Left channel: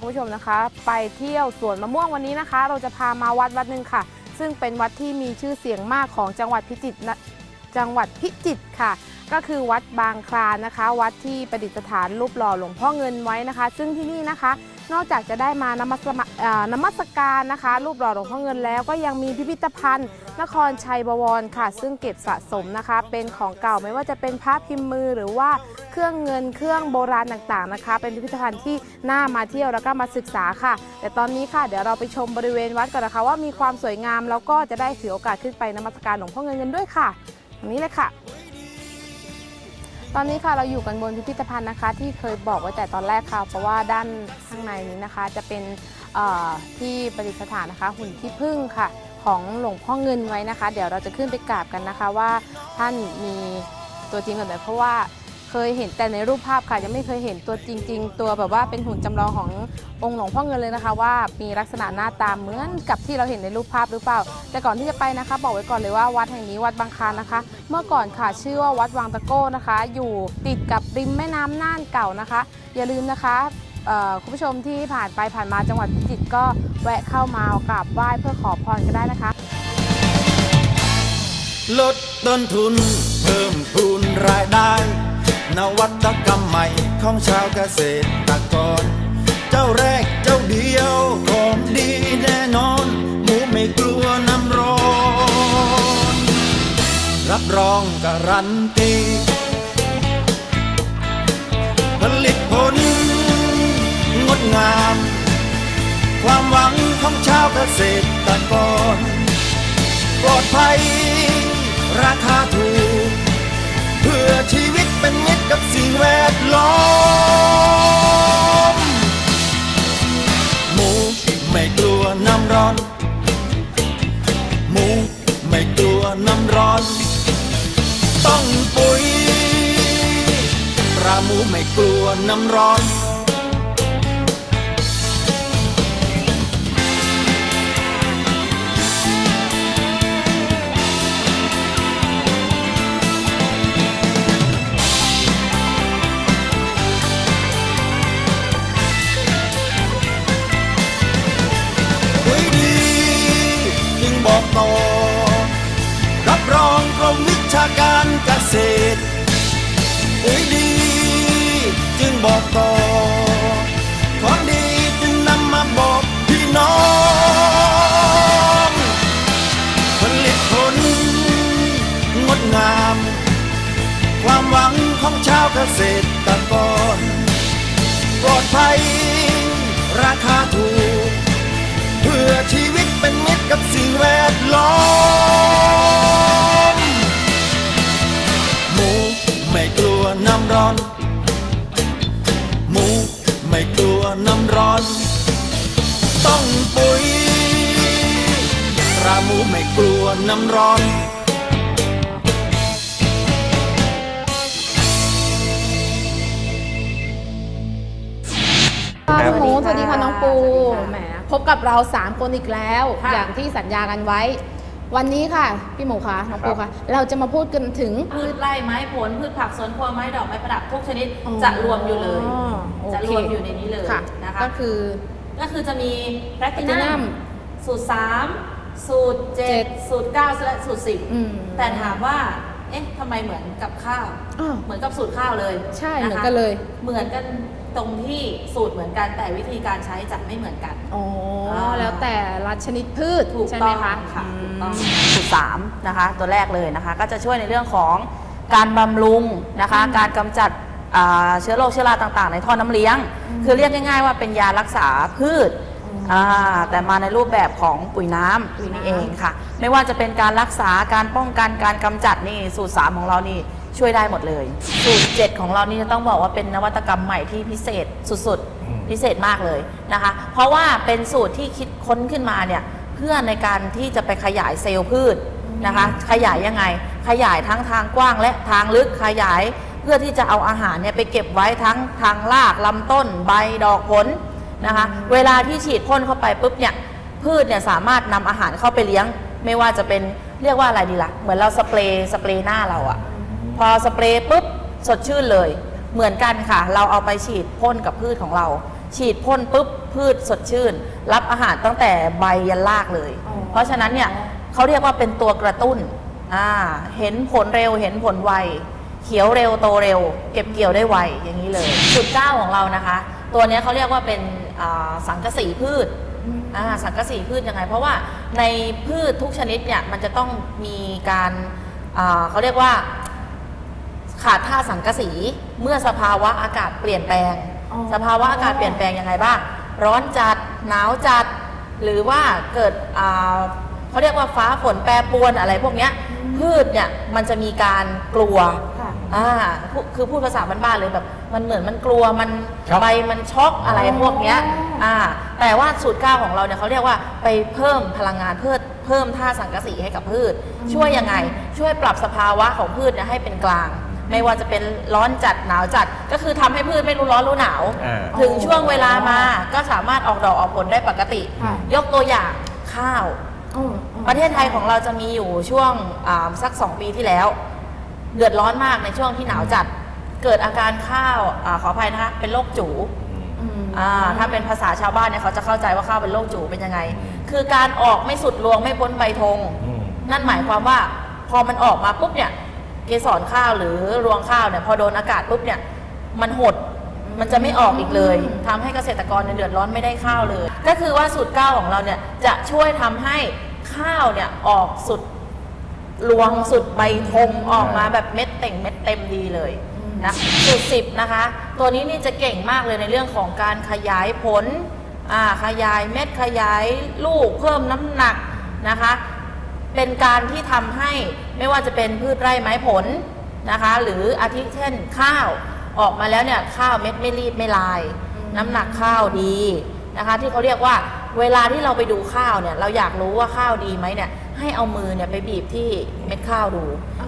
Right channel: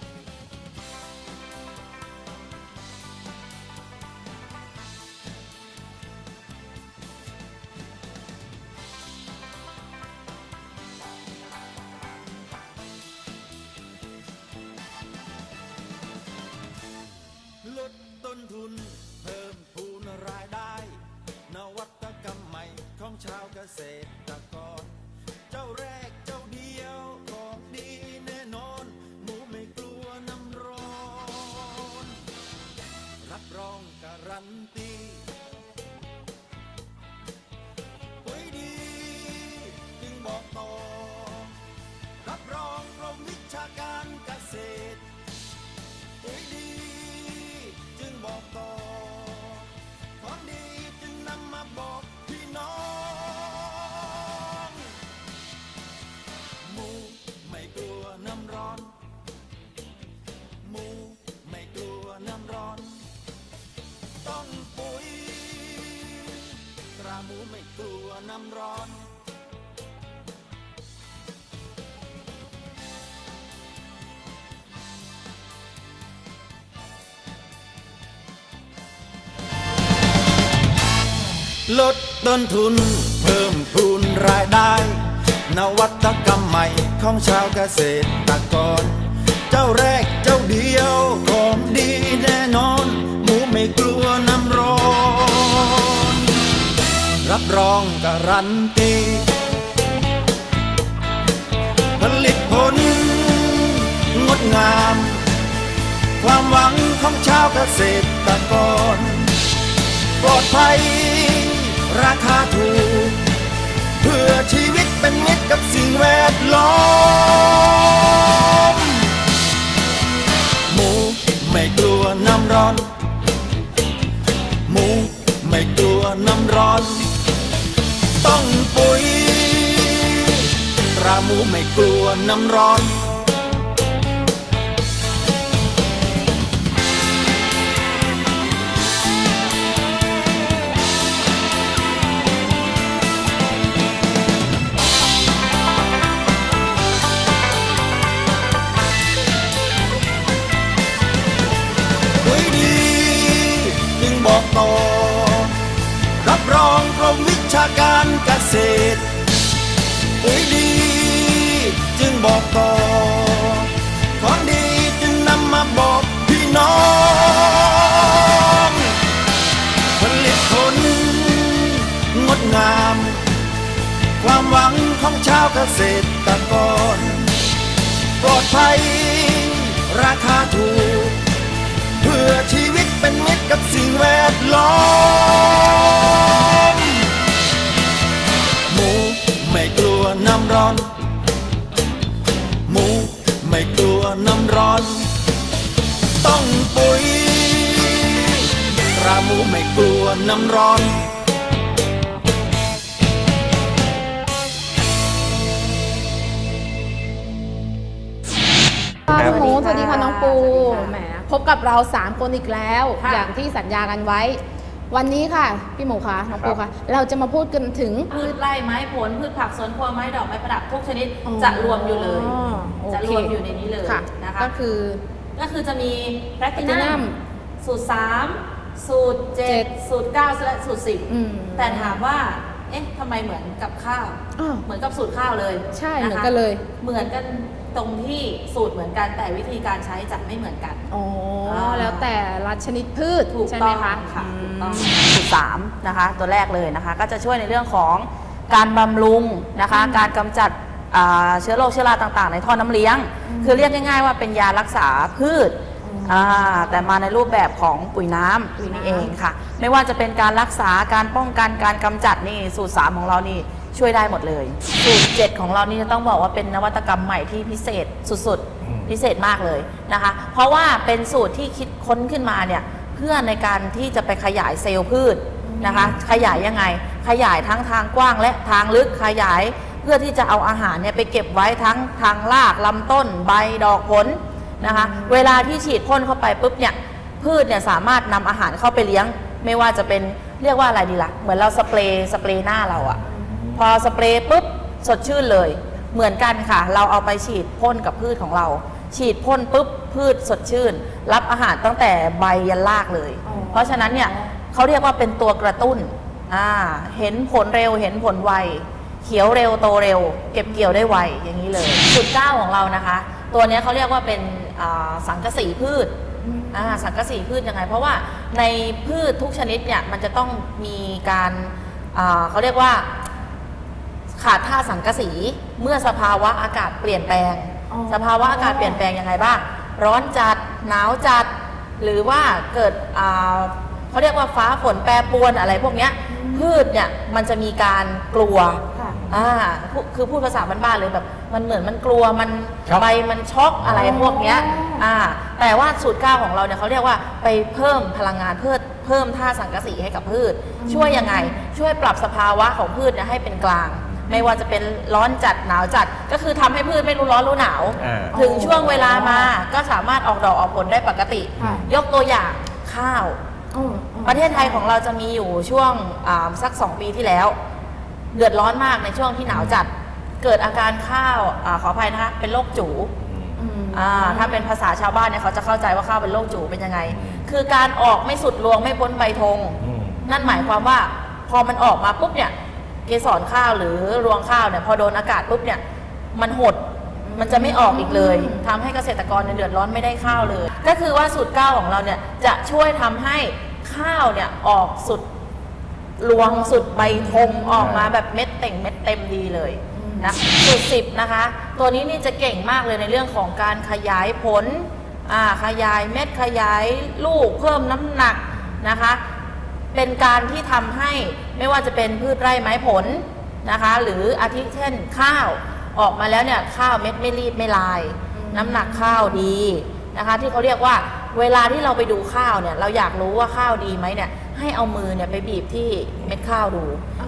คุณผู้ชมนะคะ ไปเที่ยวสวนมะม่วงวันนี้นะคะ เราจะพามาวัดวัดหนึ่งค่ะ ซึ่งเป็นวัดที่มีชื่อเสียงมากของจังหวัดพิจิตรนะ จังหวัดพิจิตรค่ะ ก็คือวัดบางคลานนะคะ วัดที่ประดิษฐานรูปหล่อหลวงพ่อเงินไว้นะคะ ซึ่งที่นี่นะคะ นอกจากจะได้มานมัสนมัสการนะคะ รูปหล่อหลวงพ่อเงินแล้วก็ยังมีพิพิธภัณฑ์ นครชัยบวรค่ะ ซึ่งเก็บสะสมนะคะ เป็นของเก่าไม่ว่าจะเป็นพระพิมพ์มือหรือว่าเครื่องเงินเครื่องโบราณต่างๆนะคะ เป็นพิพิธภัณฑ์ที่น่ามาเที่ยวแล้วก็มาศึกษาค่ะ แต่ตอนนี้ค่ะเดี๋ยวเราไปชมบริเวณวัดกันนะคะว่ามีความสวยงามแล้วก็จะได้ถือโอกาสขึ้นไปนมัสการหลวงพ่อเงินกันด้วยค่ะ นี้เลยค่ะ ตอนนี้ค่ะเราอยู่กันบนพิพิธภัณฑ์นะคะ ที่เคยบอกไว้แต่ตอนแรกค่ะ เพราะว่าด้านข้างในนี้นะคะ จะเป็นที่ประดิษฐานนะคะ หุ่นที่พึ่งค่ะ ของหลวงพ่อเงินไว้นะคะ เดี๋ยวเราจะขึ้นไปกราบกันนะคะว่าท่านมีตัวจริงหรือเปล่าเพราะว่า เคยเห็นแต่ในรูปภาพค่ะ ยังไม่เคยเห็นตัวจริง ๆ ตัวแบบว่าเป็นหุ่นจำลองขององค์หลวงพ่อเงินเลยนะคะ ว่ามีลักษณะหน้าตาเหมือนกับที่เราเห็นในรูปภาพหรือเปล่า แต่ก่อนที่จะไปนะคะ บอกไว้ก่อนเลยว่าวัดแห่งนี้วัดบางคานนะคะ เมื่อก่อนค่ะชื่อว่าวัดวังตะโก้นะคะ อยู่ติดกับริมแม่น้ำน่านเก่านะคะ อย่าลืมนะคะคุณผู้ชมที่ผ่านไปผ่านมาจังหวัดพิจิตรก็แวะเข้ามากราบไหว้เพื่อขอพรก็ได้นะคะ ลดต้นทุนเพิ่มพูนรายได้ นวัตกรรมใหม่ของชาวเกษตรกร เจ้าแรกเจ้าเดียวของดีแน่นอน หมูไม่กลัวน้ำร้อน รับรองการันตีผลิตผล งดงาม ความหวังของชาวเกษตรกร ปลอดภัย ราคาถูก เพื่อชีวิต เป็นมิตรกับสิ่งแวดล้อมหมูไม่กลัวน้ำร้อน หมูไม่กลัวน้ำร้อน ต้องปุ๋ยตราหมูไม่กลัวน้ำร้อน การเกษตรปุ๋ยดีจึงบอกต่อ ของดีจึงนำมาบอกพี่น้อง ผลิตผลงดงาม ความหวังของชาวเกษตรกร ปลอดภัยราคาถูก เพื่อชีวิตเป็นมิตรกับสิ่งแวดล้อม ร้อน ต้องปุ๋ยตราหมูไม่กลัวน้ำร้อนค่ะครับพี่หมูสวัสดีค่ะน้องปูสวัสดีค่ะแหม พบกับเรา 3 คนอีกแล้วค่ะอย่างที่สัญญากันไว้ วันนี้ค่ะ พี่หมูคะน้องปูคะเราจะมาพูดกันถึง พืชไร่ไม้ผล พืชผักสวนครัวไม้ดอกไม้ประดับทุกชนิดอ๋อจะรวมอยู่เลย โอจะเครวมอยู่ในนี้เลยค่ะ นะคะก็คือ ก็คือจะมีแพลตินั Platinum มสูตร 3 สูตร เจ็ด 7 สูตร 9 และสูตร อืม 10 แต่ถามว่า เอ๊ะทำไมเหมือนกับข้าว อ้าวเหมือนกับสูตรข้าวเลยใช่ะคะเหมือนกันเลย เหมือนกัน ตรงที่สูตรเหมือนกันแต่วิธีการใช้จะไม่เหมือนกันอ๋ออ่า แล้วแต่ละชนิดพืชถูกใช่ต้ไหมองคะ ค่ะถูกต้องมสูตรสามนะคะตัวแรกเลยนะคะ ก็จะช่วยในเรื่องของการบำรุงนะคะการกำจัดอ่าเชื้อโรคเชื้อราต่างๆ ในท่อน้ำเลี้ยงคือเรียกง่ายๆว่าเป็นยารักษาพืชอ่าแต่มาในรูปแบบของปุ๋ยน้ำปุ๋ยน้ำ นี่เองค่ะ ไม่ว่าจะเป็นการรักษาการป้องกันการกำจัดนี่สูตรสามของเรานี่ ช่วยได้หมดเลย สูตรเจ็ดของเรานี่จะต้องบอกว่าเป็นนวัตกรรมใหม่ที่พิเศษสุดๆพิเศษมากเลยนะคะ เพราะว่าเป็นสูตรที่คิดค้นขึ้นมาเนี่ยเพื่อในการที่จะไปขยายเซลล์พืชนะคะ ขยายยังไง ขยายทั้งทางกว้างและทางลึกขยาย เพื่อที่จะเอาอาหารเนี่ยไปเก็บไว้ทั้งทางรากลำต้นใบดอกผลนะคะ เวลาที่ฉีดพ่นเข้าไปปุ๊บเนี่ย พืชเนี่ยสามารถนำอาหารเข้าไปเลี้ยง ไม่ว่าจะเป็นเรียกว่าอะไรดีละ่ะ เหมือนเราสเปรย์สเปรย์หน้าเราอะ พอสเปรย์ปุ๊บสดชื่นเลย เหมือนกันค่ะ เราเอาไปฉีดพ่นกับพืชของเรา ฉีดพ่นปุ๊บพืชสดชื่น รับอาหารตั้งแต่ใบยันรากเลย อ๋อ เพราะฉะนั้นเนี่ยเขาเรียกว่าเป็นตัวกระตุ้นอ่าเห็นผลเร็วเห็นผลไว เขียวเร็วโตเร็ว เก็บเกี่ยวได้ไวอย่างนี้เลยสูตรเก้าของเรานะคะ ตัวเนี้ยเขาเรียกว่าเป็นอ่าสังกะสีพืช อ่าสังกะสีพืชยังไง เพราะว่าในพืชทุกชนิดเนี่ยมันจะต้องมีการอ่าเขาเรียกว่า ขาดธาตุสังกะสีเมื่อสภาวะอากาศเปลี่ยนแปลง อ๋อ สภาวะอากาศเปลี่ยนแปลงยังไงบ้าง ร้อนจัดหนาวจัด หรือว่าเกิดอ่าเขาเรียกว่าฟ้าฝนแปรปรวนอะไรพวกเนี้ยพืชเนี่ยมันจะมีการกลัว ค่ะ อ่าพูคือพูดภาษาบ้านๆเลยแบบ มันเหมือนมันกลัวมันครับใบมันช็อกอะไรพวกเนี้ยอ๋ออ่อ่าแต่ว่าสูตรเก้าของเราเนี่ยเขาเรียกว่าไปเพิ่มพลังงานเพิ่มเพิ่มท่าตุสังกะสีให้กับพืช ช่วยยังไง ช่วยปรับสภาวะของพืชเนี่ยให้เป็นกลาง ไม่ว่าจะเป็นร้อนจัดหนาวจัด ก็คือทำให้พืชไม่รู้ร้อนรู้หนาว อ่า ถึงช่วงเวลามาก็สามารถออกดอกออกผลได้ปกติ ค่ะ ยกตัวอย่างข้าว อืมอืมประเทศไทยของเราจะมีอยู่ช่วงอ่าสัก 2 ปีที่แล้ว เดือดร้อนมากในช่วงที่หนาวจัด เกิดอาการข้าวอาขออภัยนะคะเป็นโรคจูอืมอ่าถ้าเป็นภาษาชาวบ้านเนี่ยเขาจะเข้าใจว่าข้าวเป็นโรคจูเป็นยังไง คือการออกไม่สุดรวงไม่พ้นใบธง อืม นั่นหมายความว่าพอมันออกมาปุ๊บเนี่ย เกสรข้าวหรือรวงข้าวเนี่ยพอโดนอากาศปุ๊บเนี่ยมันหดมันจะไม่ออกอีกเลยทำให้เกษตรกรเนี่ยเดือดร้อนไม่ได้ข้าวเลย ก็คือว่าสูตรเก้าของเราเนี่ยจะช่วยทำให้ข้าวเนี่ยออกสุดรวงสุดใบธงออกมาแบบเม็ดเต่งเม็ดเต็มดีเลยนะสูตรสิบนะคะ ตัวนี้นี่จะเก่งมากเลยในเรื่องของการขยายผลอ่าขยายเม็ดขยายลูกเพิ่มน้ำหนักนะคะ เป็นการที่ทำให้ไม่ว่าจะเป็นพืชไร่ไม้ผลนะคะ หรืออาทิเช่นข้าวออกมาแล้วเนี่ยข้าวเม็ดไม่รีบไม่ลาย น้ำหนักข้าวดีนะคะ ที่เขาเรียกว่าเวลาที่เราไปดูข้าวเนี่ยเราอยากรู้ว่าข้าวดีไหมเนี่ยให้เอามือเนี่ยไปบีบที่เม็ดข้าวดู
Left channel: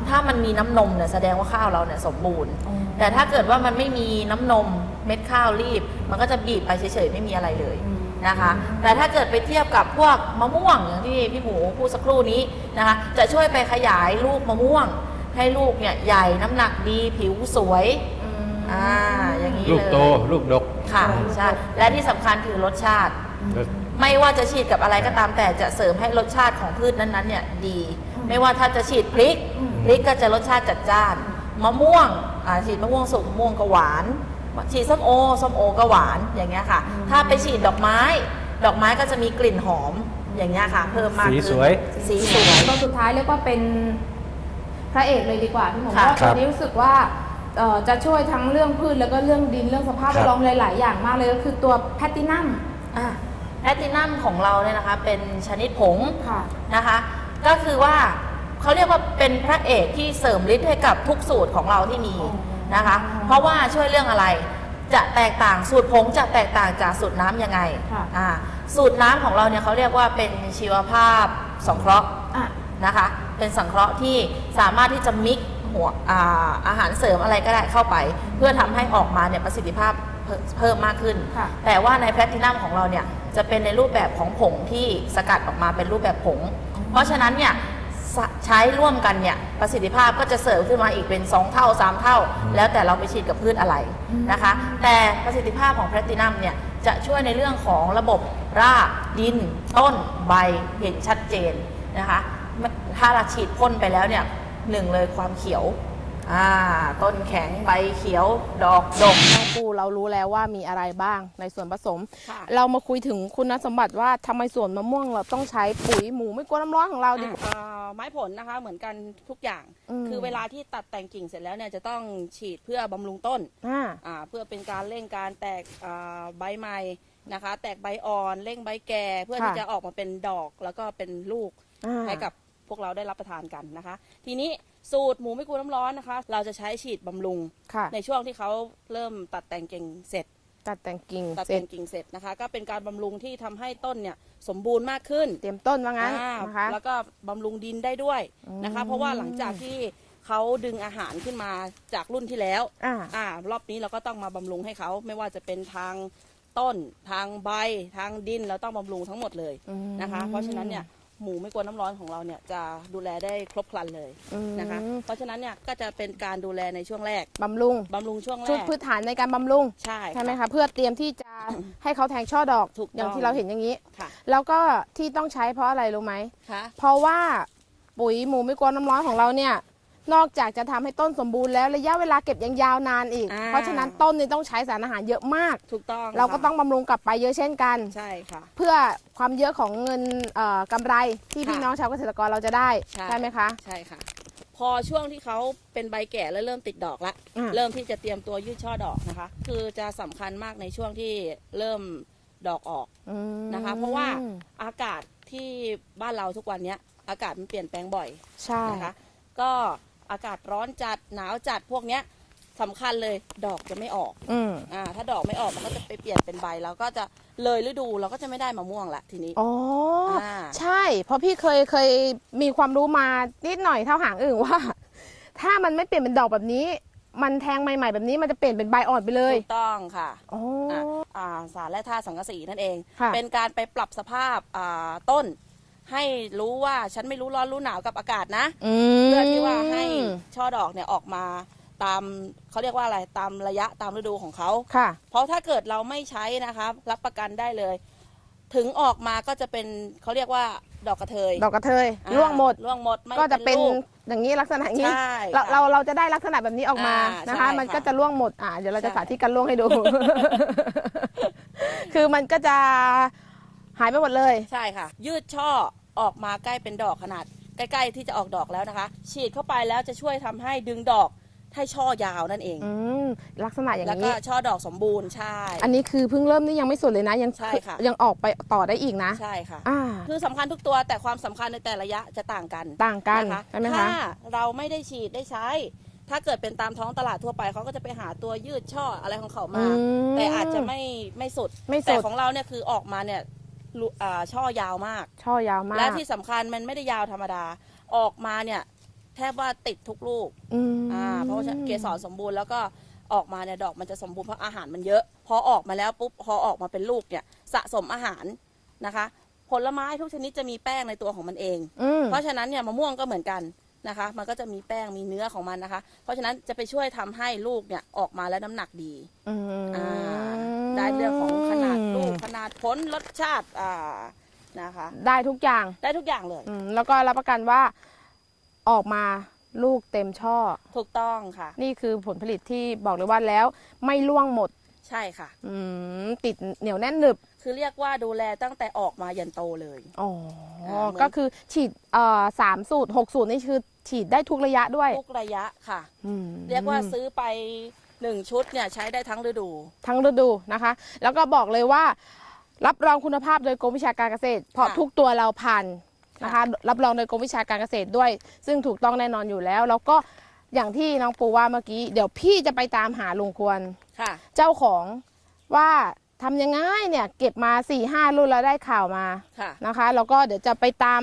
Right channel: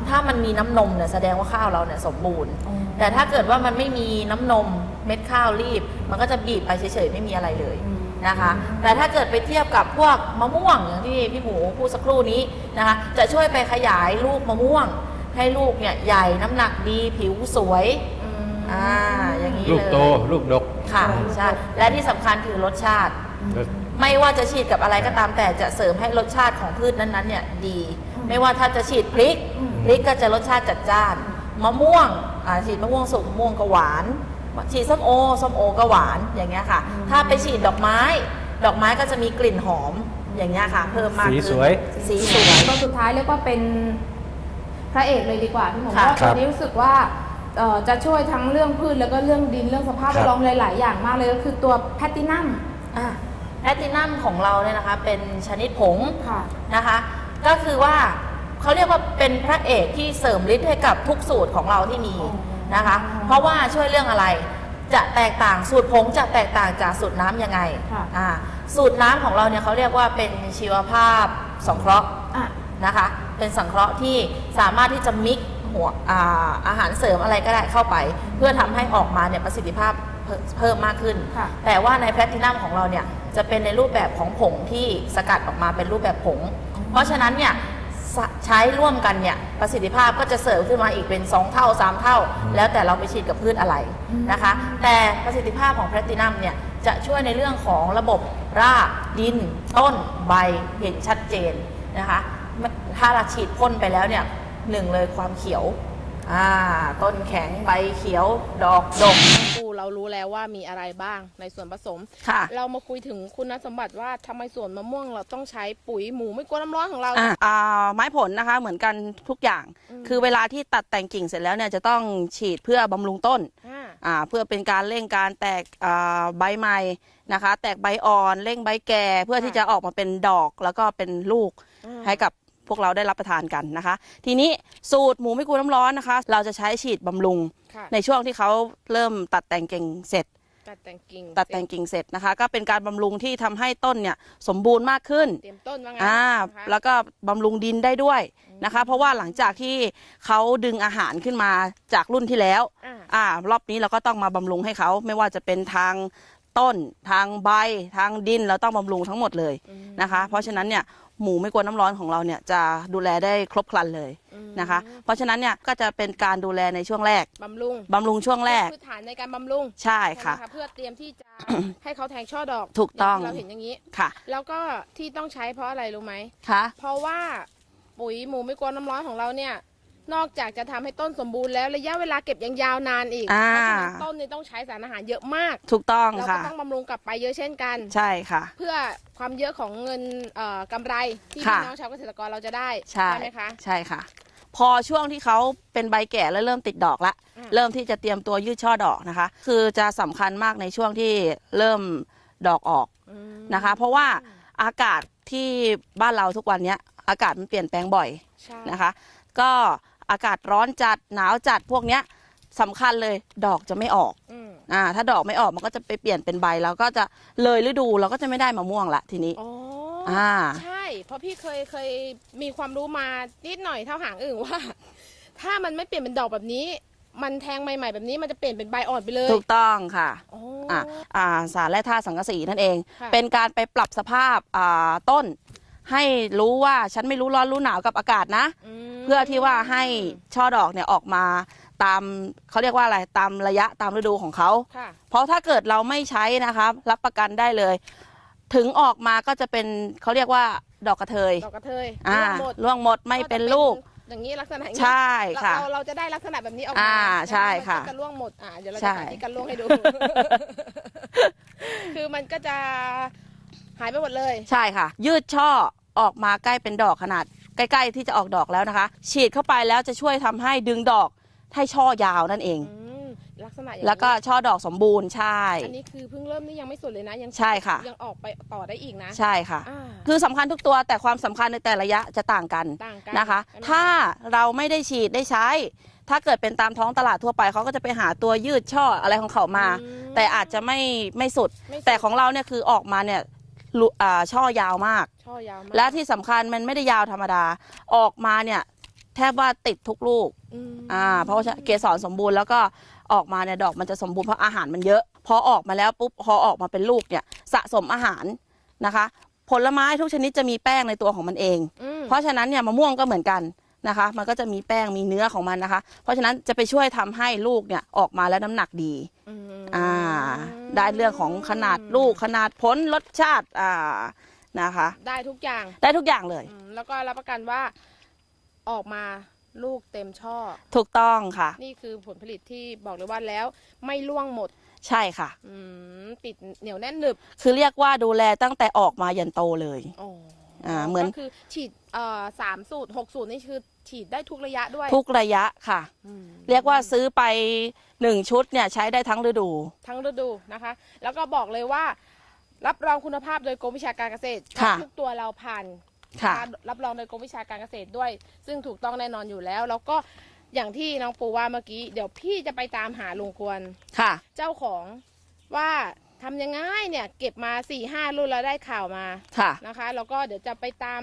ถ้ามันมีน้ำนมเนี่ยแสดงว่าข้าวเราเนี่ยสมบูรณ์อ๋อแต่ถ้าเกิดว่ามันไม่มีน้ำนมเม็ดข้าวรีบ มันก็จะบีบไปเฉยๆไม่มีอะไรเลยอืม นะคะ แต่ถ้าเกิดไปเทียบกับพวกมะม่วงอย่างที่พี่หมูพูดสักครู่นี้นะคะ จะช่วยไปขยายลูกมะม่วง ให้ลูกเนี่ยใหญ่น้ำหนักดีผิวสวยอืมอ่าอย่างนี้ลูกเลยโตลูกดกค่ะใช่และที่สำคัญคือรสชาติ ไม่ว่าจะฉีดกับอะไรก็ตามแต่จะเสริมให้รสชาติของพืชนั้นๆเนี่ยดี ไม่ว่าถ้าจะฉีดพริกอืมพริกก็จะรสชาติจัดจ้าน มะม่วงอ่าฉีดมะม่วงสุกมะม่วงก็หวาน ฉีดส้มโอส้มโอก็หวานอย่างเงี้ยค่ะ ถ้าไปฉีดดอกไม้ ดอกไม้ก็จะมีกลิ่นหอมอย่างเงี้ยค่ะ เพิ่มมากสีขึ้นสวย สีสวยตัวสุดท้ายเรียกว่าเป็นพระเอกเลยดีกว่าพี่หมอค่ะเพราะว่าตัวนี้รู้สึกว่าเอ่อจะช่วยทั้งเรื่องพืชแล้วก็เรื่องดินเรื่องสภาพครัแวบดล้อมหลาย ๆ อย่างมากเลยก็คือตัวแพตตินัมแพลตินัมของเราเนี่ยนะคะ เป็นชนิดผงค่ะ นะคะ ก็คือว่าเขาเรียกว่าเป็นพระเอกที่เสริมฤทธิ์ให้กับทุกสูตรของเราที่มี อ๋อ นะคะ เพราะว่าช่วยเรื่องอะไร จะแตกต่างสูตรผงจะแตกต่างจากสูตรน้ำยังไงค่ะ อ่าสูตรน้ำของเราเนี่ยเขาเรียกว่าเป็นชีวภาพสงเคราะห์ อะ นะคะ เป็นสังเคราะห์ที่สามารถที่จะมิกหัวอาอาหารเสริมอะไรก็ได้เข้าไป เพื่อทำให้ออกมาเนี่ยประสิทธิภาพเพิ่มเพิ่มมากขึ้น ค่ะ แต่ว่าในแพลตินัมของเราเนี่ยจะเป็นในรูปแบบของผงที่สกัดออกมาเป็นรูปแบบผง เพราะฉะนั้นเนี่ยสะ ใช้ร่วมกันเนี่ยประสิทธิภาพก็จะเสริมขึ้นมาอีกเป็น 2 เท่า 3 เท่า แล้วแต่เราไปฉีดกับพืชอะไรนะคะ แต่ประสิทธิภาพของแพลตินัมเนี่ยจะช่วยในเรื่องของระบบรากดิน ต้นใบเห็นชัดเจนนะคะถ้าเราฉีดพ่นไปแล้วเนี่ยหนึ่งเลยความเขียวอ่าต้นแข็งใบเขียว ดอกดกปู เรารู้แล้วว่ามีอะไรบ้างในส่วนผสม ค่ะ เรามาคุยถึงคุณสมบัติว่าทำไมสวนมะม่วงเราต้องใช้ปุ๋ยหมูไม่กลัวน้ำร้อนของเรา อะอ่าไม้ผลนะคะเหมือนกันทุกอย่าง อืม คือเวลาที่ตัดแต่งกิ่งเสร็จแล้วเนี่ยจะต้องฉีดเพื่อบำรุงต้นอ่า อ่าเพื่อเป็นการเร่งการแตกอ่าใบใหม่นะคะ แตกใบอ่อนเร่งใบแก่เพื่อค่ะที่จะออกมาเป็นดอกแล้วก็เป็นลูกอ่าให้กับ พวกเราได้รับประทานกันนะคะ ทีนี้สูตรหมูไม่กลัวน้ำร้อนนะคะ เราจะใช้ฉีดบำรุง ค่ะในช่วงที่เขาเริ่มตัดแต่งกิ่งเสร็จ ตัดแต่งกิ่งตัดแต่งกิ่งเสร็จนะคะ ก็เป็นการบำรุงที่ทำให้ต้นเนี่ยสมบูรณ์มากขึ้น เตรียมต้นว่างั้นอ่านะคะ แล้วก็บำรุงดินได้ด้วยนะคะอืมเพราะว่าหลังจากที่เขาดึงอาหารขึ้นมาจากรุ่นที่แล้วอ่า อ่ารอบนี้เราก็ต้องมาบำรุงให้เขาไม่ว่าจะเป็นทางต้น ทางใบ ทางดินเราต้องบำรุงทั้งหมดเลยนะคะ เพราะฉะนั้นเนี่ย หมูไม่กลัวน้ำร้อนของเราเนี่ยจะดูแลได้ครบครันเลยอืมนะคะ เพราะฉะนั้นเนี่ยก็จะเป็นการดูแลในช่วงแรกบำรุงบำรุงช่วงแรกพื้นฐานในการบำรุงใช่ใช่ไหมค่ะ คะเพื่อเตรียมที่จะ ให้เขาแทงช่อดอกถูกอย่างต้องที่เราเห็นอย่างนี้ ค่ะแล้วก็ที่ต้องใช้เพราะอะไรรู้ไหมค่ะ เพราะว่าปุ๋ยหมูไม่กลัวน้ำร้อนของเราเนี่ย นอกจากจะทำให้ต้นสมบูรณ์แล้วระยะเวลาเก็บยังยาวนานอีก อ่า เพราะฉะนั้นต้นนี่ต้องใช้สารอาหารเยอะมาก ถูกต้องเราก็ค่ะต้องบำรุงกลับไปเยอะเช่นกัน ใช่ค่ะ เพื่อความเยอะของเงินเอ่อกำไรที่ค่ะพี่น้องชาวเกษตรกรเราจะได้ใช่ ไหมคะ ใช่ค่ะ พอช่วงที่เขาเป็นใบแก่แล้วเริ่มติดดอกละ อืม เริ่มที่จะเตรียมตัวยืดช่อดอกนะคะ คือจะสำคัญมากในช่วงที่เริ่มดอกออกอืมนะคะ เพราะว่าอากาศที่บ้านเราทุกวันเนี้ยอากาศมันเปลี่ยนแปลงบ่อยใช่นะคะ ก็ อากาศร้อนจัดหนาวจัดพวกเนี้ยสำคัญเลยดอกจะไม่ออกอืมอ่าถ้าดอกไม่ออกมันก็จะไปเปลี่ยนเป็นใบแล้วก็จะเลยฤดูเราก็จะไม่ได้มะม่วงละทีนี้ อ๋อออ่า ใช่ เพราะพี่เคยเคยมีความรู้มานิดหน่อยเท่าหางอื่นว่า ถ้ามันไม่เปลี่ยนเป็นดอกแบบนี้ มันแทงใหม่ๆแบบนี้มันจะเปลี่ยนเป็นใบอ่อนไปเลยถูกต้องค่ะ อ๋ออะอ่าสารแร่ธาตุสังกะสีนั่นเอง ค่ะเป็นการไปปรับสภาพอ่าต้น ให้รู้ว่าฉันไม่รู้ร้อนรู้หนาวกับอากาศนะ ม เพื่อที่ว่าให้ช่อดอกเนี่ยออกมาตามเขาเรียกว่าอะไรตามระยะตามฤดูของเขา ค่ะ เพราะถ้าเกิดเราไม่ใช้นะครับรับประกันได้เลย ถึงออกมาก็จะเป็นเขาเรียกว่าดอกกระเทยดอกกระเทยอ่าร่วงหมดร่วงหมดไม่ก็เป็จะนลูก อย่างนี้ลักษณะอย่างนี้ใช่เราค่ะเราเราจะได้ลักษณะแบบนี้ออกมาอ่านะใช่คะมันค่ะก็จะร่วงหมดอ่าเดี๋ยวเราจะใช่ สาธิตการร่วงให้ดู คือมันก็จะ หายไปหมดเลยใช่ค่ะ ยืดช่อออกมาใกล้เป็นดอกขนาด ใกล้ๆที่จะออกดอกแล้วนะคะ ฉีดเข้าไปแล้วจะช่วยทำให้ดึงดอกให้ช่อยาวนั่นเอง อืมลักษณะอย่างแล้วก็นี้ช่อดอกสมบูรณ์ใช่ อันนี้คือเพิ่งเริ่มนี่ยังไม่สุดเลยนะยังใช่ค่ะ ยังออกไปต่อได้อีกนะใช่ค่ะ อ่าคือสำคัญทุกตัวแต่ความสำคัญในแต่ละระยะจะต่างกันต่างกันนะคะ ใช่ไหมถ้าคะเราไม่ได้ฉีดได้ใช้ ถ้าเกิดเป็นตามท้องตลาดทั่วไปเขาก็จะไปหาตัวยืดช่ออะไรของเขามา อืม แต่อาจจะไม่ไม่สุด ไม่สุด แต่ของเราเนี่ยคือออกมาเนี่ย ลุอ่าช่อยาวมาก ช่อยาวมากและที่สำคัญมันไม่ได้ยาวธรรมดา ออกมาเนี่ยแทบว่าติดทุกลูก อืม อ่าเพราะว่าเกสรสมบูรณ์แล้วก็ออกมาเนี่ยดอกมันจะสมบูรณ์เพราะอาหารมันเยอะ พอออกมาแล้วปุ๊บพอออกมาเป็นลูกเนี่ยสะสมอาหารนะคะ ผลไม้ทุกชนิดจะมีแป้งในตัวของมันเอง อืม เพราะฉะนั้นเนี่ยมะม่วงก็เหมือนกันนะคะ มันก็จะมีแป้งมีเนื้อของมันนะคะ เพราะฉะนั้นจะไปช่วยทำให้ลูกเนี่ยออกมาแล้วน้ำหนักดีอืมอ่า ได้เรื่องของขนาดลูกขนาดผลรสชาติอ่านะคะ ได้ทุกอย่างได้ทุกอย่างเลย อืมแล้วก็รับประกันว่าออกมาลูกเต็มช่อ ถูกต้องค่ะ นี่คือผลผลิตที่บอกเลยว่าแล้วไม่ล่วงหมดใช่ค่ะ อืมติดเหนียวแน่นหนึบคือเรียกว่าดูแลตั้งแต่ออกมายันโตเลย อ๋ออ่าเหมือน ก็คือฉีดเอ่อสามสูตรหกสูตรนี่คือฉีดได้ทุกระยะด้วยทุกระยะค่ะ อืมเรียกว่าซื้อไป หนึ่งชุดเนี่ยใช้ได้ทั้งฤดู ทั้งฤดูนะคะ แล้วก็บอกเลยว่า รับรองคุณภาพโดยกรมวิชาการเกษตรเพราะค่ะทุกตัวเราผ่านค่ะนะคะรับรองโดยกรมวิชาการเกษตรด้วย ซึ่งถูกต้องแน่นอนอยู่แล้ว แล้วก็อย่างที่น้องปูว่าเมื่อกี้ เดี๋ยวพี่จะไปตามหาลุงควร ค่ะ เจ้าของว่าทำยังไงเนี่ยเก็บมา4ี่ห้ารุ่นแล้วได้ข่าวมาค่ะ นะคะ แล้วก็เดี๋ยวจะไปตาม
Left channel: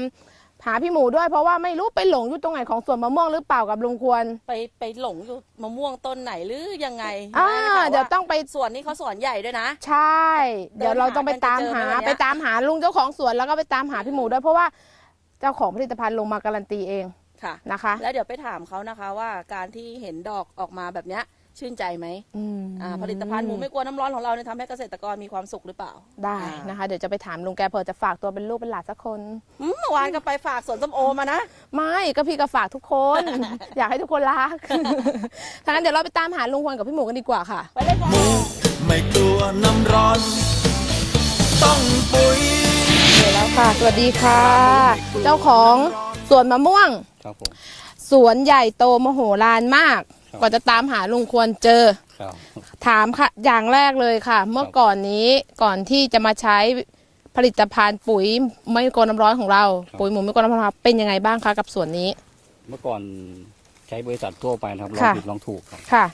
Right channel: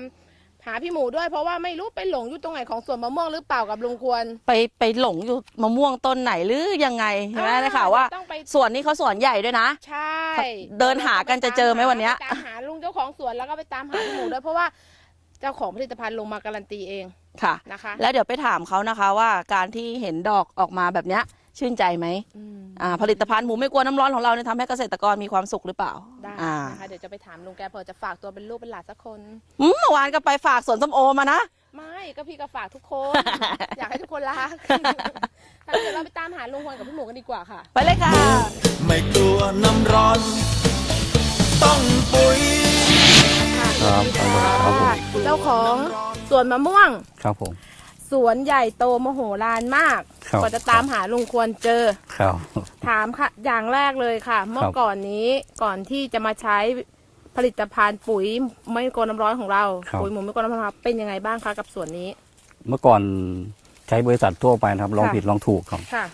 หาพี่หมูด้วยเพราะว่าไม่รู้ไปหลงอยู่ตรงไหนของสวนมะม่วงหรือเปล่ากับลุงควร ไปไปหลงอยู่มะม่วงต้นไหนหรือยังไงอ่านะนะคะเดี๋ยว่าวต้องไป สวนนี้เขาสวนใหญ่ด้วยนะ ใช่เดินหากันจะเจอไหมวันเนี้ย ไปตามหาลุงเจ้าของสวนแล้วก็ไปตามหาพี่หมูด้วยเพราะว่าเจ้าของผลิตภัณฑ์ลงมาการันตีเองค่ะ นะคะ แล้วเดี๋ยวไปถามเขานะคะว่าการที่เห็นดอกออกมาแบบเนี้ย ชื่นใจไหมอืมอ่าผลิตภัณฑ์หมูไม่กลัวน้ำร้อนของเราเนี่ยทำให้เกษตรกรมีความสุขหรือเปล่าได้อ่านะคะ เดี๋ยวจะไปถามลุงแกเผื่อจะฝากตัวเป็นลูกเป็นหลานสักคน อืมเมื่อวานก็ไปฝากสวนส้มโอมานะ ไม่ก็พี่ก็ฝากทุกคน อยากให้ทุกคนรักถ้างั้นเดี๋ยวเราไปตามหาลุงควรกับพี่หมูกันดีกว่าค่ะ ไปเลยค่ะ ไม่กลัวน้ำร้อน ต้องปุ๋ย ค่ะสวัสดีค่ะ เจ้าของสวนมะม่วง ครับผม สวนใหญ่โตมโหฬารมากครับ กว่าจะตามหาลุงควรเจอ ครับ ถามค่ะ อย่างแรกเลยค่ะ เมื่อครับก่อนนี้ก่อนที่จะมาใช้ผลิตภัณฑ์ปุ๋ยไม่กลัวน้ำร้อนของเราปุ๋ยหมูไม่กลัวน้ำร้อนของเราเป็นยังไงบ้างคะกับสวนนี้ เมื่อก่อนใช้บริษัททั่วไปนะครับลองค่ะ ผิดลองถูกครับ ค่ะ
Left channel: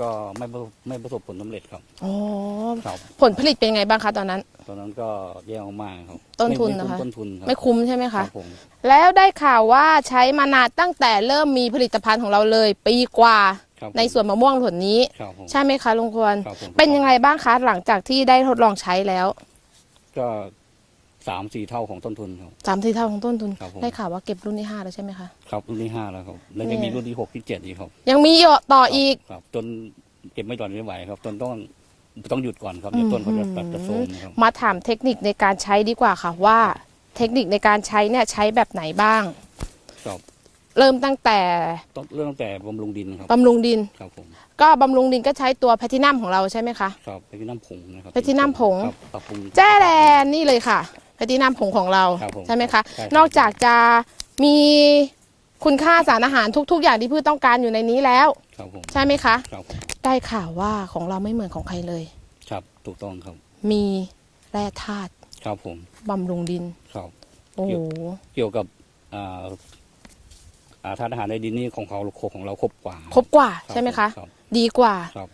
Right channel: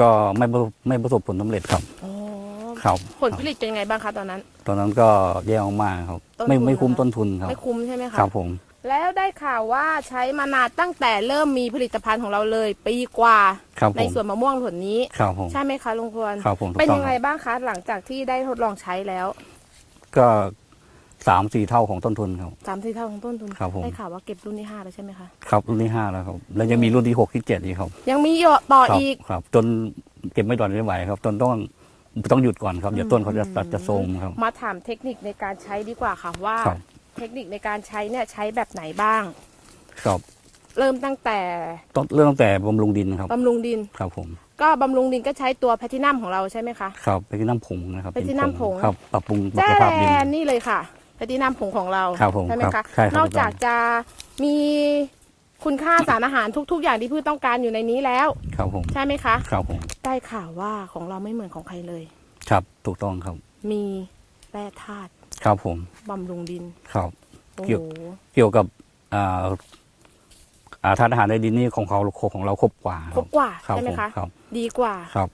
ก็ไม่ประสบไม่ประสบผลสำเร็จครับอ๋อครับผลผลิตเป็นยังไงบ้างคะตอนนั้น ตอนนั้นก็แย่มากครับ ต้นไม่ทุนไม่คุ้มนะคะ ต้นทุนครับไม่คุ้มใช่ไหมคะ ครับผม แล้วได้ข่าวว่าใช้มานานตั้งแต่เริ่มมีผลิตภัณฑ์ของเราเลย ปีกว่าครับผมในสวนมะม่วงผลนี้ ครับผม ใช่ไหมคะลุงควร ครับผมเป็นถูกต้อยังไงบ้างคะหลังจากที่ได้ทดลองใช้แล้วก็สามสี่เท่าของต้นทุนครับ สามสี่เท่าของต้นทุน ครับผม ได้ข่าวว่าเก็บรุ่นที่ห้าแล้วใช่ไหมคะ ครับรุ่นที่ห้าแล้วครับ แล้วจะมีรุ่นที่หกที่เจ็ดอีกครับยังมีต่อครับอีก ครับ จนเก็บไม่ต่อไม่ไหวครับ จนต้องต้องหยุดก่อนครับเดี๋ยวต้นเขาจะตัดจะโทรมครับ มาถามเทคนิคในการใช้ดีกว่าค่ะว่า ครับ เทคนิคในการใช้เนี่ยใช้แบบไหนบ้าง ครับเริ่มตั้งแต่ต้องเริ่มตั้งแต่บำรุงดินครับบำรุงดิน ครับผม ก็บำรุงดินก็ใช้ตัวแพทินัมของเราใช่ไหมคะ ครับไปที่น้ำผงนะครับไปที่น้ำผงครับปรับปรุงแจ้สแดภาพดินนี่เลยค่ะแพทินัมผงของเราครับผมใช่ไหมครัคะบใช่ครับนอกจากจะมีคุณค่าสารอาหารทุก ๆ อย่างที่พืชต้องการอยู่ในนี้แล้วครับผมใช่ไหมคะครับผมได้ข่าวว่าของเราไม่เหมือนของใครเลย ครับถูกต้องครับ มีแร่ธาตุ ครับผมบำรุงดินครับโอ้เกี่โหยวเกี่ยวกับอ่าอ่าธาตุอาหารในดินนี่ของเขาของเราครบกว่า ครบกว่ารับใช่ไหมผคะครับดีกว่า ครับ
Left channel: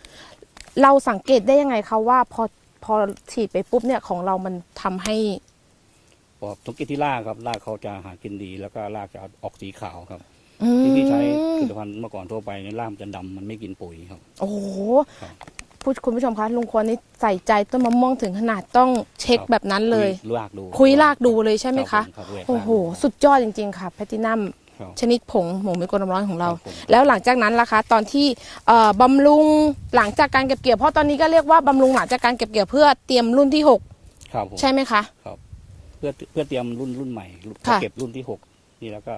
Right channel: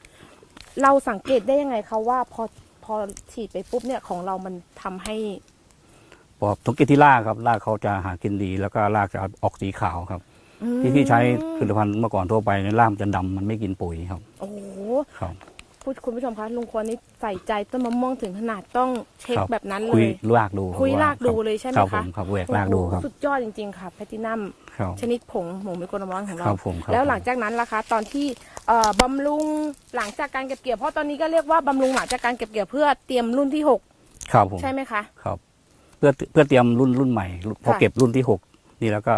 เราสังเกตได้ยังไงคะว่าพอพอฉีดไปปุ๊บเนี่ยของเรามันทำให้เพราะสังเกตที่รากครับรากเขาจะหากินดี แล้วก็รากจะออกสีขาวครับ อืมที่พี่ใช้ผลิตภัณฑ์เมื่อก่อนทั่วไปในยรากมันจะดำมันไม่กินปุ๋ยครับ โอ้โหครับ ผู้คุณผู้ชมคะลุงควรนี่ใส่ใจต้นมะม่วงถึงขนาดต้องเช็คครับแบบนั้นเลคุยยรากดูคุยว่รากดูรับเลยใช่ไหมรับคะผครับแหวกโอ้รากโหดูครับ สุดยอดจริงๆค่ะแพทินัมครับ ชนิดผงหมูไม่กลน้ำร้อนของเรา ครับผมครับ แล้วหลังจากนั้นล่ะคะ ตอนที่เอ่อบำรุงหลังจากการเก็บเกี่ยวเพราะตอนนี้ก็เรียกว่าบำรุงหลังจากการเก็บเกี่ยวเพื่อเตรียมรุ่นที่หกครับผมใช่ไหมคะ ครับ เพื่อเพื่อเตรียมรุ่นรุ่นใหม่พอค่ะ เก็บรุ่นที่หกนี่แล้วก็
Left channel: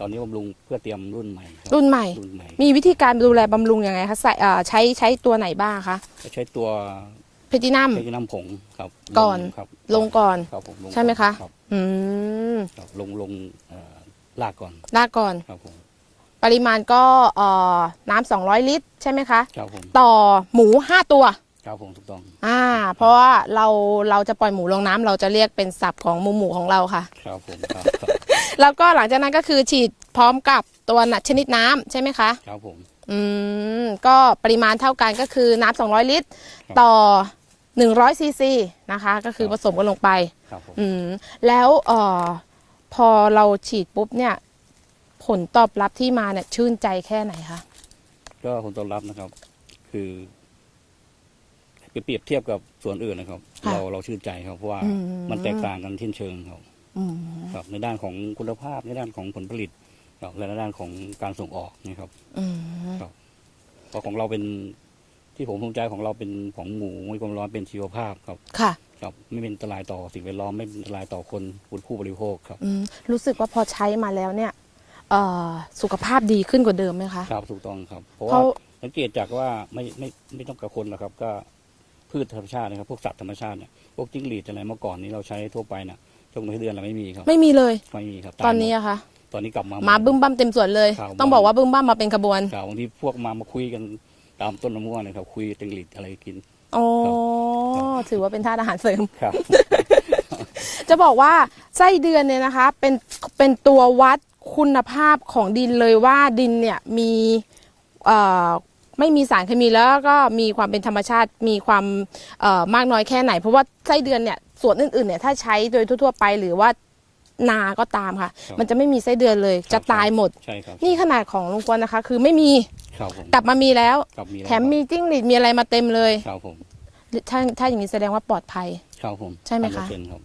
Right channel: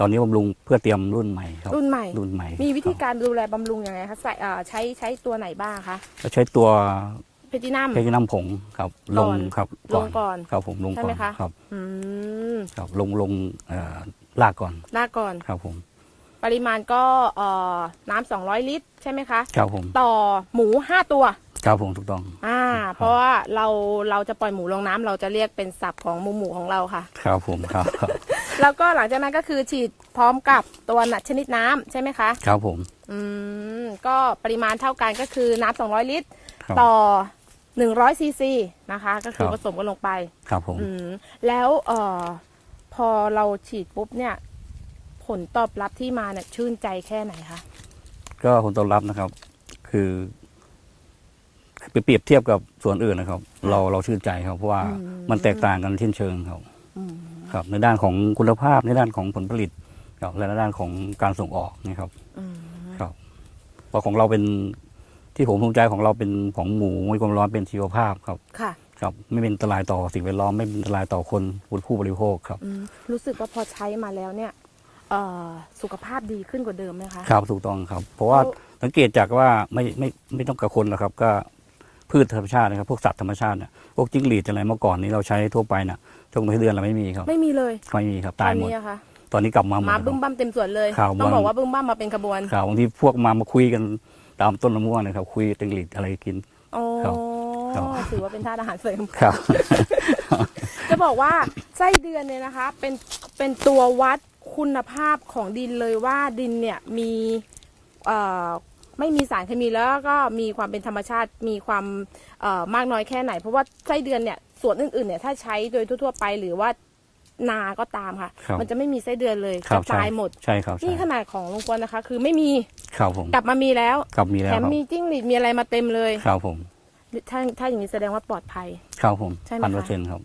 ตอนนี้บำรุงเพื่อเตรียมรุ่นใหม่ครับรุ่นใหม่ รุ่นใหม่มีวิธีการดูแลบำรุงยังไงคะใส่อ่าใช้ใช้ตัวไหนบ้างคะก็ใช้ตัวเพทินัมใช้น้ำผงครับก่อนครับลงก่อนครับผมลงใช่ไหมก่อนคะครับอืมครับลงลงเอ่อลากก่อนลากก่อนครับผม ปริมาณก็เอ่อน้ำ200ลิตร ใช่ไหมคะ ครับผมต่อหมู5ตัว ครับผมถูกต้องอ่า เพราะว่าเราเราจะปล่อยหมูลงน้ำเราจะเรียกเป็นศัพท์ของหมูหมูของเราค่ะ ครับผมครับครับ แล้วก็หลังจากนั้นก็คือฉีดพร้อมกับตัวหนักชนิดน้ำใช่ไหมคะ ครับผม อืม ก็ปริมาณเท่ากันก็คือน้ำ200 ลิตร ครับต่อ 100ซีซีนะคะ ก็คือครับ ผสมกันลงไป ครับผม อืม แล้วเอ่อพอเราฉีดปุ๊บเนี่ย ผลตอบรับที่มาเนี่ยชื่นใจแค่ไหนคะ ก็ผลตอบรับนะครับ คือไปเปรียบเทียบกับส่วนอื่นนะครับค่ะเราเราชื่นใจครับเพราะว่าอืมมันแตกต่างกันเช่นเชิงครับอืมครับ ในด้านของคุณภาพในด้านของผลผลิตครับและในด้านของการส่งออกนี่ครับอืมเพราะของเราเป็นที่ผมภูมิใจของเราเป็นของหมูไม่ความร้อนเป็นชีวภาพครับค่ะครับ ไม่เป็นอันตรายต่อสิ่งแวดล้อมไม่เป็นอันตรายต่อคนผู้บริโภคครับอืมรู้สึกว่าพอใช้มาแล้วเนี่ย เอ่อสุขภาพดีขึ้นกว่าเดิมไหมคะ ครับถูกต้องครับ เพราะว่าเพราะสังเกตจากว่าไม่ไม่ไม่ต้องกับคนหรอกครับ ก็พืชธรรมชาตินะครับ พวกสัตว์ธรรมชาติเนี่ยพวกจิ้งหรีดอะไรเมื่อก่อนนี้เราใช้ทั่วไปน่ะช่วงเดือนเราไม่มีครับไม่มีเลย ไม่มีครับตตาอยนหมดนี้อะคะตอนนี้กลับมาหด มาครับบึ้มบ้ามเต็มส่วนเลยข่าวต้องบอลบอกว่าบึ้มบ้ามมาเป็นขบวนครับบางทีพวกมามาคุยกันตามต้นมะม่วงนะครับ คุยจิ้งหรีดอะไรกิน อ๋อครับถือว่าเป็นธาตุอาหารเสริม ครับ จะบอกว่าไส้เดือนเนี่ยนะคะ เป็นเป็นตัววัด คุณภาพของดินเลยว่าดินเนี่ยมีเอ่อไม่มีสารเคมีแล้วก็มีความเป็นธรรมชาติมีความเอ่อมากน้อยแค่ไหน เพราะว่าไส้เดือนเนี่ยส่วนอื่นๆเนี่ยถ้าใช้โดยทั่วๆไปหรือว่านาก็ตามค่ะครับมันจะไม่มีไส้เดือนเลยครัจะบตายหมดใช่ครับนี่ขนาดของลุงกวนนะคะ คือไม่มีครับผมกลับมามีแล้วครับมีแล้แถวคมรับมีจิ้งหรีดมีอะไรมาเต็มเลยครับผมถ้าถ้าอย่างนี้แสดงว่าปลอดภัยครับผมใช่ไหมคะพันเปอร์เซ็นต์ครับ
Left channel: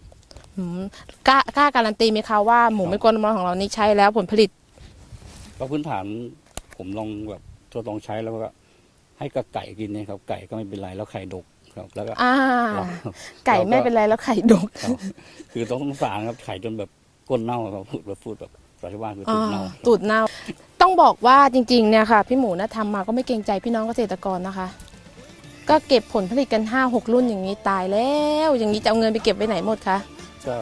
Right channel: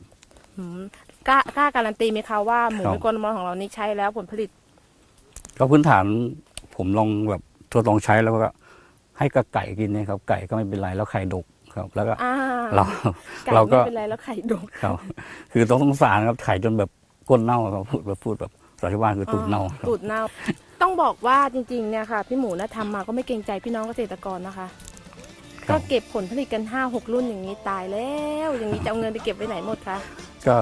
อืมกล้ากล้าการันตีไหมคะว่าหมูครับ ไม่กลนมอของเรานี่ใช้แล้วผลผลิต ก็พื้นฐานผมลองแบบทดลองใช้แล้วก็ ให้กับไก่กินเนี่ยครับ ไก่ก็ไม่เป็นไรแล้วไข่ดกครับ แล้วก็อ่าเราไก่เราไม่เป็นไรแล้วไข่ดก ครับคือต้องสงสารครับไข่จนแบบก้นเน่าเราพูดแบบพูดแบบสาธิว่าคือตุ่มเน่าอ่ตูดเน่า ต้องบอกว่าจริงๆ เนี่ยค่ะ พี่หมูนะทำมาก็ไม่เกรงใจพี่น้องเกษตรกรนะคะ ก็เก็บผลผลิตกัน 5 6 รุ่นอย่างนี้ตายแล้ว อย่างนี้จะเอาเงินไปเก็บไว้ไหนหมดคะ ก็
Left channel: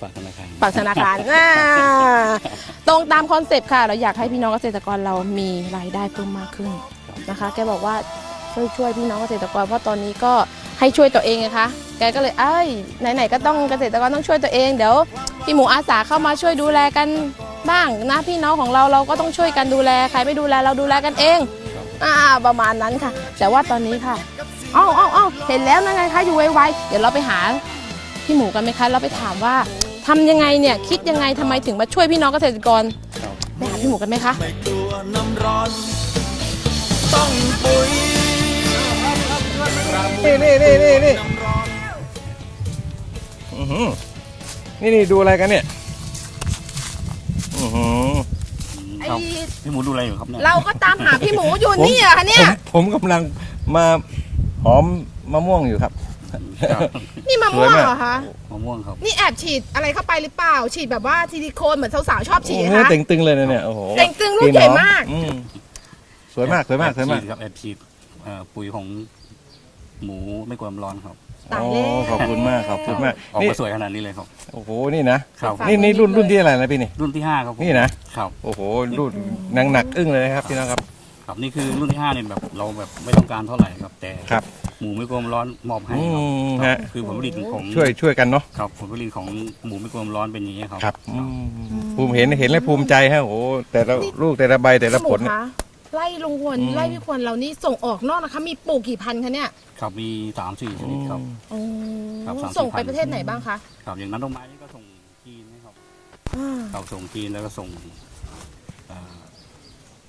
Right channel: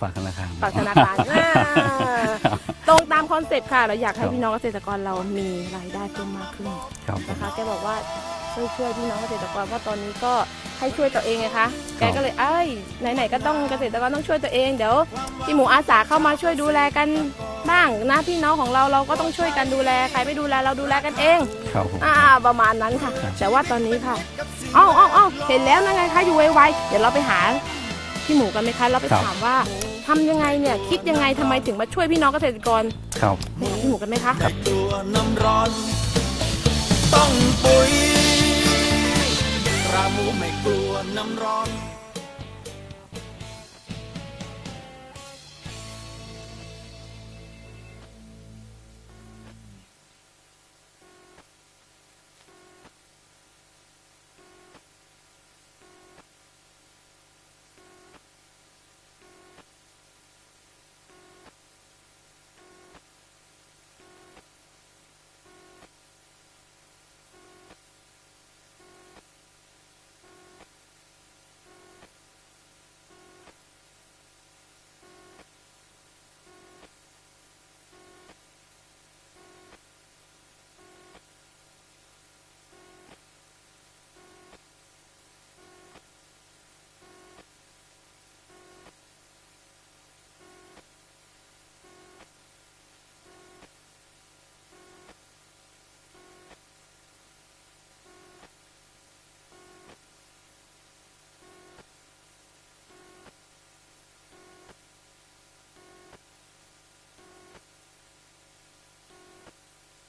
ฝากธนาคารฝากธนาคารอ่าตรงตามคอนเซ็ปต์ค่ะ เราอยากให้พี่น้องเกษตรกรเรามีรายได้เพิ่มมากขึ้นครับ นะคะแกบอกว่าช่วยช่วยพี่น้องเกษตรกรเพราะตอนนี้ก็ให้ช่วยตัวเองไงคะแกก็เลยเอ้ยไหนๆก็ต้องเกษตรกรต้องช่วยตัวเองเดี๋ยวพี่หมูอาสาเข้ามาช่วยดูแลกันบ้างนะพี่น้องของเราเราก็ต้องช่วยกันดูแลใครไม่ดูแลเราดูแลกันเองครับผมอ่าประมาณนั้นค่ะ แต่ว่าตอนนี้ค่ะเอ้าเอ้าเอ้าเห็นแล้วนะไงคะอยู่ไวๆเดี๋ยวเราไปหา พี่หมูกันไหมคะเราไปถามว่าทำยังไงเนี่ยคิดยังไงทำไมถึงมาช่วยพี่น้องเกษตรกรครับไปหาพี่หมูกันไหมคะไม่กลัวน้ำร้อนต้องปุ๋ยรามูไม่กลัวน้ำร้อนอื้อหืหือนี่นี่ดูอะไรกันเนี่ยอื้อหือไอ้ครับพี่หมูดูอะไรอยู่ครับเนี่ยเราก็ตามหาพี่หมูอยู่ผมนี่อะคะเนี่ยผมผมกำลังมาหอมมะม่วงอยู่ครับครับ นี่มะม่วงสวยมากเหรอคะมะม่วงครับ นี่แอบฉีดอะไรเข้าไปหรือเปล่า ฉีดแบบว่าซิลิโคนเหมือนสาวๆชอบฉีโอ้ดโหนะคะเต่งตึงเลยนะเนี่ยโอ้โหเต่งตึงลูกใหญ่มาก อืมสวยมากสวยมากสวยมาก แอบฉีดครับแอบฉีดเอ่อปุ๋ยของหมูไม่กลัวน้ำร้อนครับตายโอ้แล้วขอบคุณมากขอบคุณมากออกนี่มาสวยขนาดนี้เลยครับ โอ้โหนี่นะครับฝากนี่ไว้นี่รุ่นนิดเลยรุ่นที่อะไรนะพี่นี่ รุ่นที่ห้าครับผมนี่นะ ครับ โอ้โหรุ่นหนังหนักอึ้งเลยนะครับพี่น้องครับ ครับนี่คือรุ่นที่ห้าเนี่ยแบบเราแบบไม่ต้องการเท่าไหร่ครับแต่ครับ หมูไม่กลัวน้ำร้อนมอบให้อืครับมครัฮะบคือผลผลิตของช่วยช่วยกันเนาะครับผลผลิตของหมูไม่กลัวน้ำร้อนเป็นอย่างนี้ยครับ ครับอืมภูมิเห็นเห็นแล้วภูมิใจฮะโอ้โหแต่ละลูกแต่ละใบแต่ละพี่หผมูลเนี่ยคะไล่ลุงควรอืม ไล่พี่ควรเรานี่ส่งออกนอกนะคะ มีปลูกกี่พันคะเนี่ยครับมีสามสี่ชนิดครับอ๋อครับ30,000ส่งไปประเทศไหนบ้างคะครับอย่างนั้นต้นไม้นี่ก็ส่งจีนนะครับอ่า เราส่งจีนแล้วก็ส่งเอ่อ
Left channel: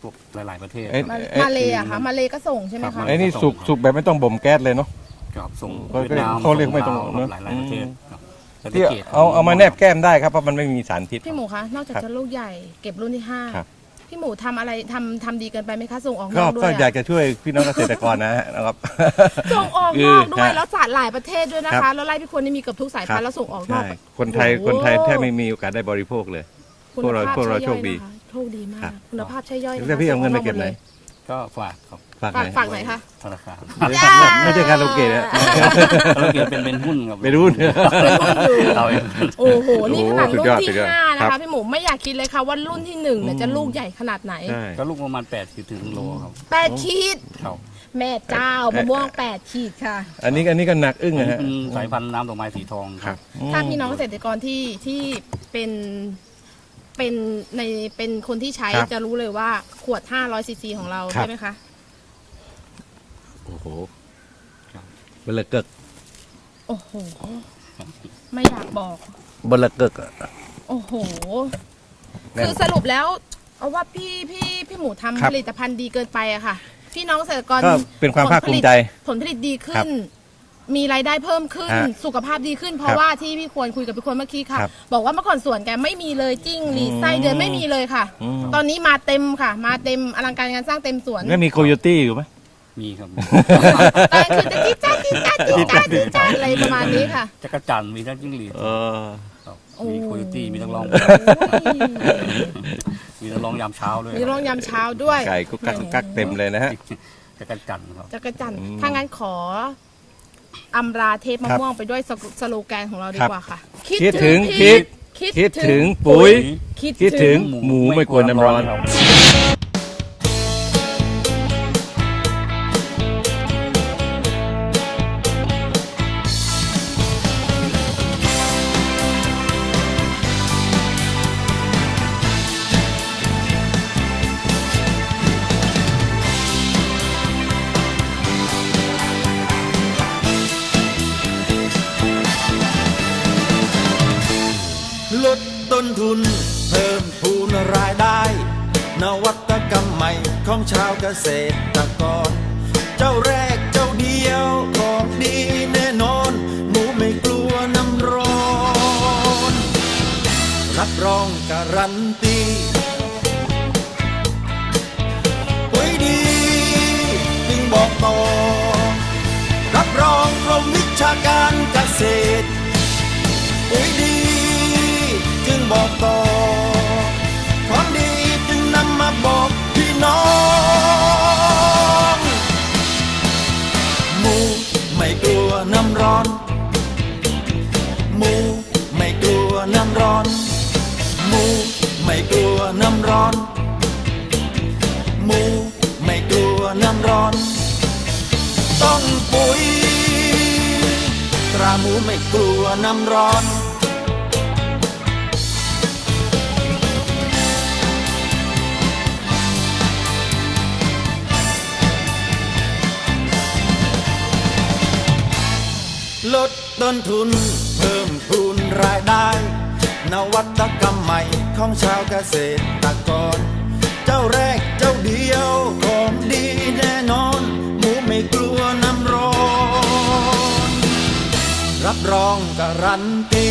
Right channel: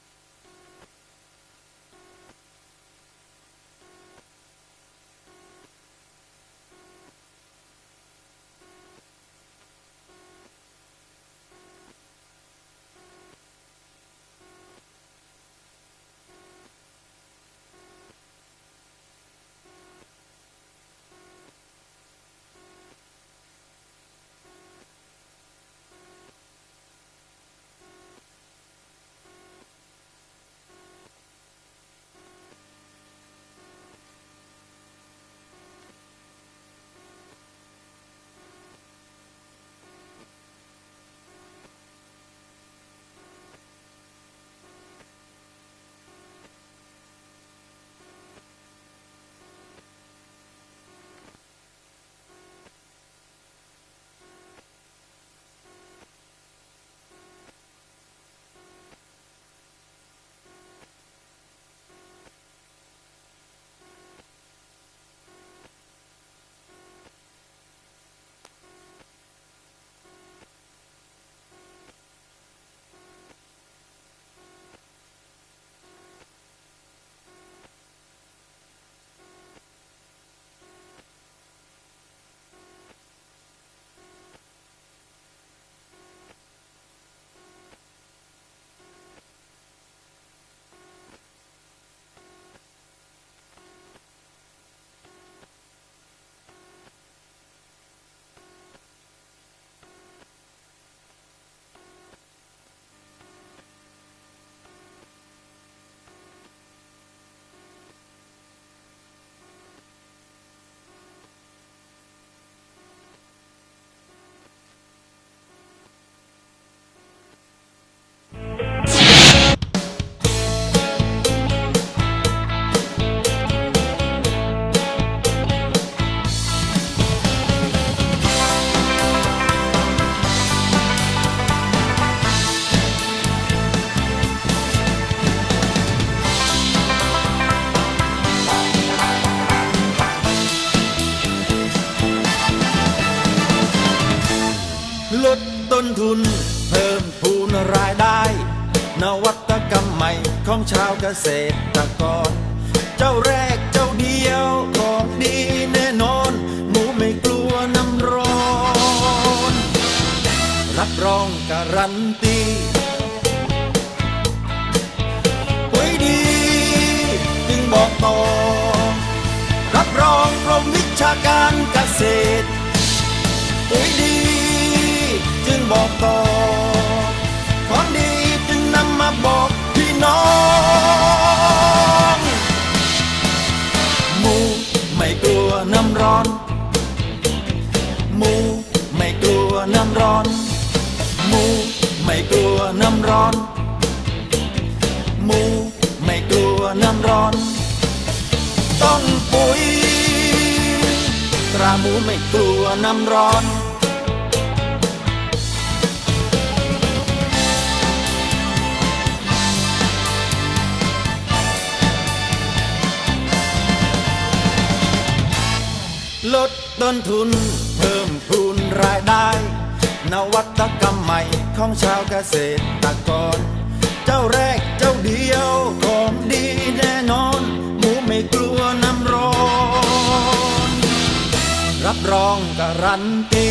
พวกหลาย ๆ ประเทศเอ้ยมาเอ้ยมาเลยอะคะมาเลยก็ส่งใช่ไหมครัคะบ ไอ้นี่สุกสุกแบบไม่ต้องบ่มแก๊สเลยเนาะ ครับส่งก็เวียดนามเขาเรียกไม่ตรงส่ลาวเนอะ หลายๆประเทศครับแล้วก็ที่กรดเอาเอามาแนบแก้มได้ครับเพราะมันไม่มีสารพิษ พี่หมูคะนอกจากครับจะลูกใหญ่เก็บรุ่นที่ห้าครับ พี่หมูทำอะไรทำทำดีเกินไปไหมคะส่งออกนก็อกด้วก็ยอยากอะจะช่วยพี่น้องเกษตรกรนะฮะนะครับ ส่งออกคืนออกด้วยฮะแล้วจัดหลายประเทศด้วยนะครัคะบ แล้วไล่พี่ควรนี่มีเกือบทุกสายพันธุ์แล้วส่งออกนอใช่กคนไทยโอ้โหคนไทยแทบไม่มีโอกาสได้บริโภคเลยคุณพวกเราภาพพวกเราใช่ย่อยโชคดีนะคะ โชคดีมาครัก บ คุณภาพใช่ย่อยนะคะแล้วพี่เอาเงินไปเก็บไหนก็ฝากครับฝากฝากไหนฝากไหนคะธนาคารไม่ใช่การลงเกตนะ เราเก็บเป็นเป็นหุ้นครับเป็นหุ้นเป็นหุ้นอยู่เอาเอง โอ้โห นี่ขนาดโอ้โหสุรุ่ดยอดนสุที่ดยอดห้านะครัคะบ พี่หมูไม่อยากคิดเลยค่ะว่ารุ่นที่หนึ่งเนี่ยอืม จะลูกใหญ่ขนาดไหนใช่ ก็ลูกประมาณ8ขีดถึงโลครับแปดขีด ครับแม่เจ้ามะม่วงแปดขีดค่ะ อันนี้อันนี้ก็หนักอึ้งอันนะนี้ฮะเป็นสายพันธุ์น้ำดอกไม้สีทองคครัรับบอืมถ้าพี่น้องเกษตรกรที่ที่เป็น เป็นในเป็นคนที่ใช้ครับจะรู้เลยว่าขวด 500ซีซีของเราครับ ใช่ไหมคะ โอ้โหครับ เบลอเกิกโอ้โห ไม่อยากบอก เบลอเกิกอะโอ้โห แน่น คือสรุปแล้วเอาว่าพี่พี่พี่หมูทำครับผลิตภัณฑ์ดีเกินไปอะค่ะ พี่น้องเกษตรกรก็เป็นความภาคภูมิใจผลผลิตดีครัขึ้บ น มีรายได้เพิ่มขึ้น ฮะสุขภาพดีขึ้น เพครัราะบว่าที่พี่ควรคุยกับพี่ควรเมื่อกี้ค่ะ ครับบอกว่าเมื่อก่อนสวนแกไม่มีเลยจิ้งหรีดอืมไส้เดือนไม่มีเลยค่ะ อืม ตอนนี้มาเต็มค่ะ มาเต็มอลังการงานสร้างเต็มสวนไม่มีโคโยตี้อยู่ไหม มีครับ ตอนคือจะจิ๊ดจ้าจิ๊ดจ้าจิ๊ดจ้าจิ๊ดจ้าอะไรประมาณนี้ค่ะ จักรจันทร์มีทั้งจิ้งหรีดเออ ครับโอ้ มีโคโยตี้มีทั้งร้องโอ้ยมีทั้งร้องยามเช้าด้วยมีร้องยามเช้าด้วยไก่กุ๊กกักกุ๊กกักเต็มเลยนะฮะ จักรจันทร์ครับ จักรจันทร์อืม ถ้างั้นขอ อำราเทปมะครับม่วงไปด้วยสโลสโลแกนของเราดีครับกว่าค่ะ คิดถึงพริกคิดถึงปุ๋ย คิดถึงหมูไม่กลัวน้ำร้อน ทุน เพิ่มพูนรายได้ นวัตกรรมใหม่ของชาวเกษตรกร เจ้าแรกเจ้าเดียวของดีแน่นอน หมูไม่กลัวน้ำร้อน รับรองการันตีปุ๋ยดีจึงบอกต่อ รับรองกรมวิชาการเกษตร บอกต่อของดีจึงนำมาบอกพี่น้องหมูไม่กลัวน้ำร้อนหมูไม่กลัวน้ำร้อนหมูไม่กลัวน้ำร้อนหมูไม่กลัวน้ำร้อน ต้องปุ๋ยตราหมูไม่กลัวน้ำร้อน ลดต้นทุนเพิ่มพูนรายได้ นวัตกรรมใหม่ของชาวเกษตรกร เจ้าแรกเจ้าเดียวของดีแน่นอน หมูไม่กลัวน้ำร้อน รับรองต้องการันตี